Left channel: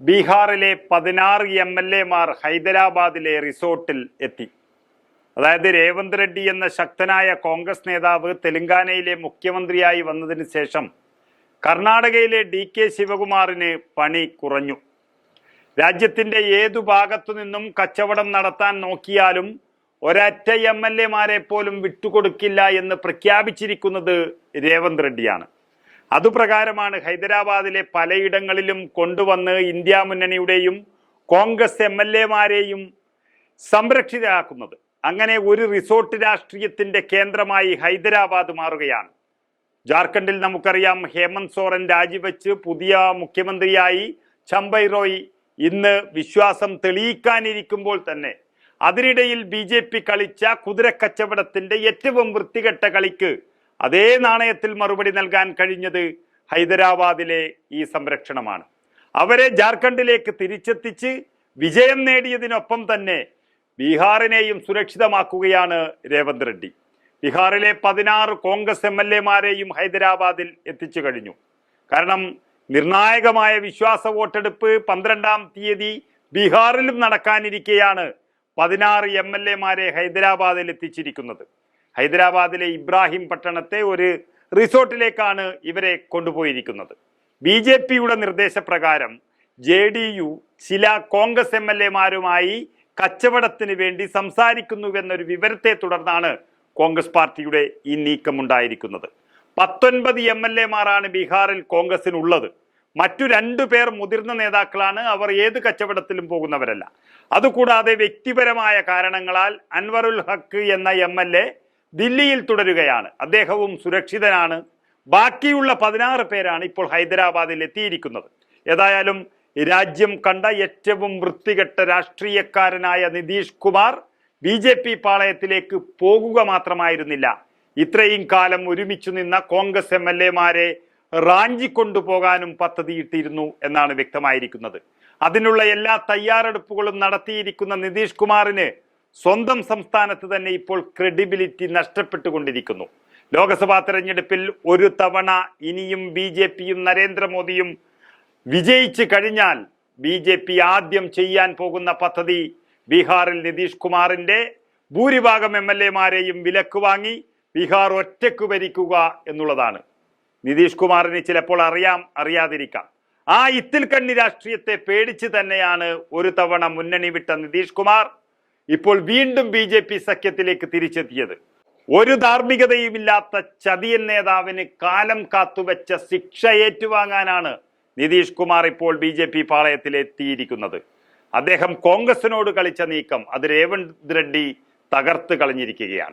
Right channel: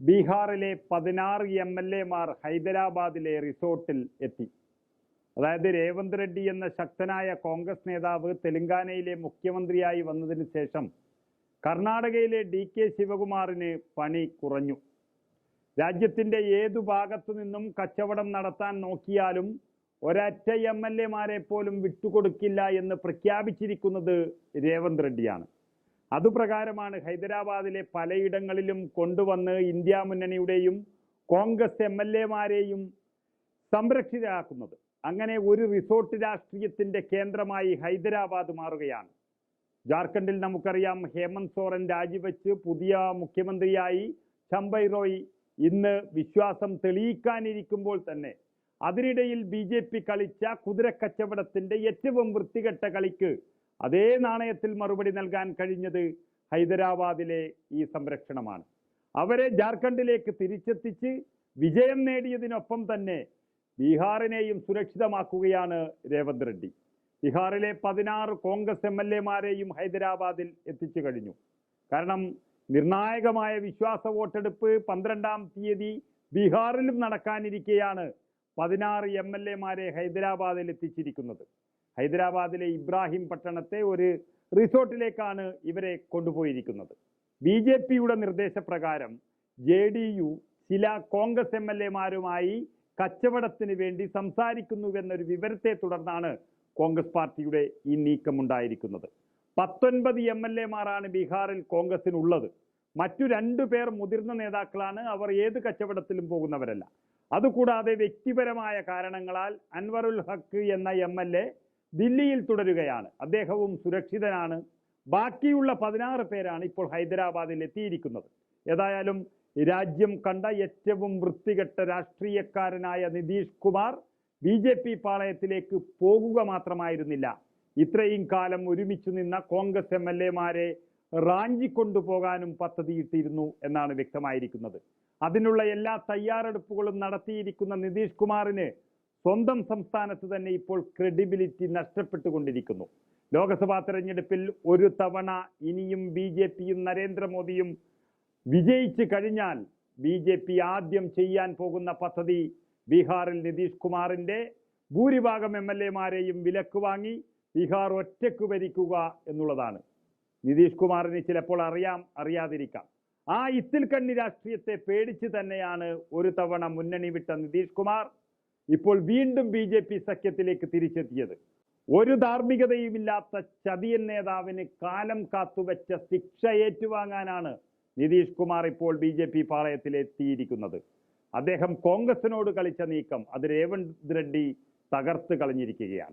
ബീഹാറിലെ പതിനാറ് M L എമാർ ഹൈദരാബാദിലെ റിസോർട്ടിൽ എത്തി. അതായത് രേവന്ത് റെഡ്ഡി എന്ന ശക്തനായ കോൺഗ്രസ് നേതാവ് തെലങ്കാനയിലെ മുഖ്യമന്ത്രിയായി വന്നതിന് ശേഷം കർണാടകയിലെ ഡി കെ ശിവകുമാറിന് പണി കുറഞ്ഞു. രാജ്യത്തിന്റെ ഏതു ഭാഗത്തു നിന്നും കച്ചവടം നടത്താൻ നോക്കിയാലും ഒരറ്റ എം എൽ എമാരെ പോലും വിട്ടുകൊടുക്കില്ല എന്ന് പ്രഖ്യാപിച്ചിരിക്കുന്നത് രേവന്ത് റെഡ്ഡിയാണ്. അതുപ്രകാരമാണ് ഹൈദരാബാദിലെ പലയിടങ്ങളിലും കൊണ്ടുവന്ന് ഇന്ത്യ മുന്നണിയുടെയും കോൺഗ്രസ് എം എൽ എമാരെയും സംരക്ഷിതരാക്കുന്നത്. അങ്ങനെ ഒരു റിസോർട്ട് രാഷ്ട്രീയത്തിന്റെ കേന്ദ്രമായി ഹൈദരാബാദ് മാറുകയാണ്. ജാർഖണ്ഡിൽ നമുക്കറിയാം ഹേമന്ത് സോറൻ രാജിവെച്ച് പുതിയ മുഖ്യമന്ത്രിയായി ചമ്പൈ റോയ് ഇന്ന് വിശ്വാസം തെളിയിക്കാനിരിക്കുമ്പോൾ തന്നെ അതിനിടയിൽ ബി ജെ പി കളിച്ച കുതിരക്കച്ചവടത്തിന്റെ ഏറ്റവും വൃത്തികെട്ട കളിക്ക് അതേ നാണയത്തിൽ മറുപടി നൽകാൻ കഴിഞ്ഞത് ഹൈദരാബാദിലെ ഈ സംരക്ഷണമാണ്. അവരെ ജാർഖണ്ഡിലേക്ക് തിരിച്ചെത്തിച്ച് വിജയം നേടിയതിനൊപ്പം തന്നെ ബീഹാറിനെയും സുരക്ഷിതമാക്കുകയാണ് രേവന്ത് റെഡ്ഡി. ബീഹാറിലെ പതിനാറ് കോൺഗ്രസ് എം എൽ എമാരെയും ഹൈദരാബാദിൽ എത്തിച്ചു കഴിഞ്ഞു. കാരണം നിർണായകമായ വിശ്വാസ വോട്ടെടുപ്പ് പന്ത്രണ്ടാം തീയതി ബീഹാറിലും നടക്കാനിരിക്കെയാണ് പതിനാറ് എം എൽ എമാരെ ഹൈദരാബാദിൽ എത്തിച്ചിരിക്കുന്നത്. ഹൈദരാബാദിലെ ഇബ്രാഹിം പട്ടണത്തെ ഒരു റിസോർട്ടിലേക്കാണ് ഇവരെ കൊണ്ടുപോയിരിക്കുന്നത്. ബി ജെ പിയുടെ നിർദ്ദേശപ്രകാരം ജെ ഡി യു ചില കോൺഗ്രസ് എം എൽ എമാരുമായി കച്ചവടത്തിന് വേണ്ടി സംസാരിക്കുന്നുവെന്നൊരു വിവരത്തെ തുടർന്നാണ് കോൺഗ്രസ് പാർട്ടിയുടെ ഈ നീക്കമുണ്ടായിരിക്കുന്നത്. പത്തൊൻപത് എം എൽ എമാരാണ് ബീഹാറിൽ കോൺഗ്രസിനുള്ളത്. മറ്റു രണ്ടു പേർ മുതിർന്ന നേതാക്കളാണ്. അവർ ഏത് കച്ചവടത്തിലും പോകുന്നവരല്ല. അതുകൂടാതെ വ്യക്തിപരമായ കാരണങ്ങളാൽ അൻവറുൽ ഹക്ക് എന്ന എം എൽ എ ദില്ലിയിൽ തുടരുകയാണ്. അദ്ദേഹവും സുരക്ഷിതനാണ്. ബാക്കിയുള്ള പതിനാറ് പേരാണ് ഇപ്പോൾ ഹൈദരാബാദിൽ എത്തിയിരിക്കുന്നത്. ഏതായാലും രാജ്യം കണ്ട ഏറ്റവും വൃത്തികെട്ട രാഷ്ട്രീയക്കാരനായ Nitish Kumar B J P പാളയത്തിലേക്ക് പോകുക മാത്രമായിരുന്നില്ല. ഇത്രയും കാലം ഒരുമിച്ചു നിന്ന കോൺഗ്രസ് എം എൽ എമാരെ റാഞ്ചിക്കൊണ്ടുപോകാനും പദ്ധതിയിട്ടിരുന്നു എന്നാണ് വ്യക്തമായിരിക്കുന്നത്. അതിനുള്ള എല്ലാ തയ്യാറെടുപ്പുകളും നടത്തിയിരിക്കുന്ന നിതീഷ് കുമാറിന് സ്വന്തം സംസ്ഥാനത്ത് തന്നെ ഇപ്പോൾ ക്രെഡിബിലിറ്റി നഷ്ടപ്പെട്ടുകൊണ്ടിരിക്കുന്നു. ലോക്സഭാ തെരഞ്ഞെടുപ്പിൽ ഒരു തവണ ഇനിയും ബി ജെ പിയും നരേന്ദ്രമോദിയും വിജയിച്ചു കഴിഞ്ഞാൽ ബി ജെ പി ആദ്യം ചെയ്യാൻ പോകുന്ന പദ്ധതി ബീഹാറിൽ നിതീഷ് കുമാറിന്റെ ഭൂരിഭാഗം എം എൽ എമാരെയും വിലക്ക് വാങ്ങി ബീഹാർ ഒറ്റയ്ക്ക് ഭരിക്കുക എന്നുള്ളതാണ്. നിതീഷ് കുമാറിന് ചിലപ്പോൾ അറിയാം അറിയാതിരിക്കാം. ആ ഇത്തിൽ കണ്ണി രാഷ്ട്രീയത്തെ പേടിച്ച് തന്നെയാണ് ഒരു തവണ മുന്നണി വിട്ട നിതീഷ് കുമാർ. ഇപ്പോൾ വീണ്ടും ബി ജെ പി സഖ്യത്തിലേക്ക് തിരിച്ചെത്തിയത്. ഒരു ധാർമ്മികതയുമില്ലാത്ത ചതിയൻ നേതാവിന് കാലം കാത്തുവെച്ച ശിക്ഷ ഏറ്റുവാങ്ങാനാണ് നിതീഷ് കുമാർ ഇപ്പോൾ ബി ജെ പി പാളയത്തിലെത്തിയിരിക്കുന്നത് അദ്ദേഹം കോൺഗ്രസിനോട് കളിച്ച നീക്കം അത് രേവന്ത് റെഡ്ഡി തകർത്ത് കളഞ്ഞിരിക്കുകയാണ്.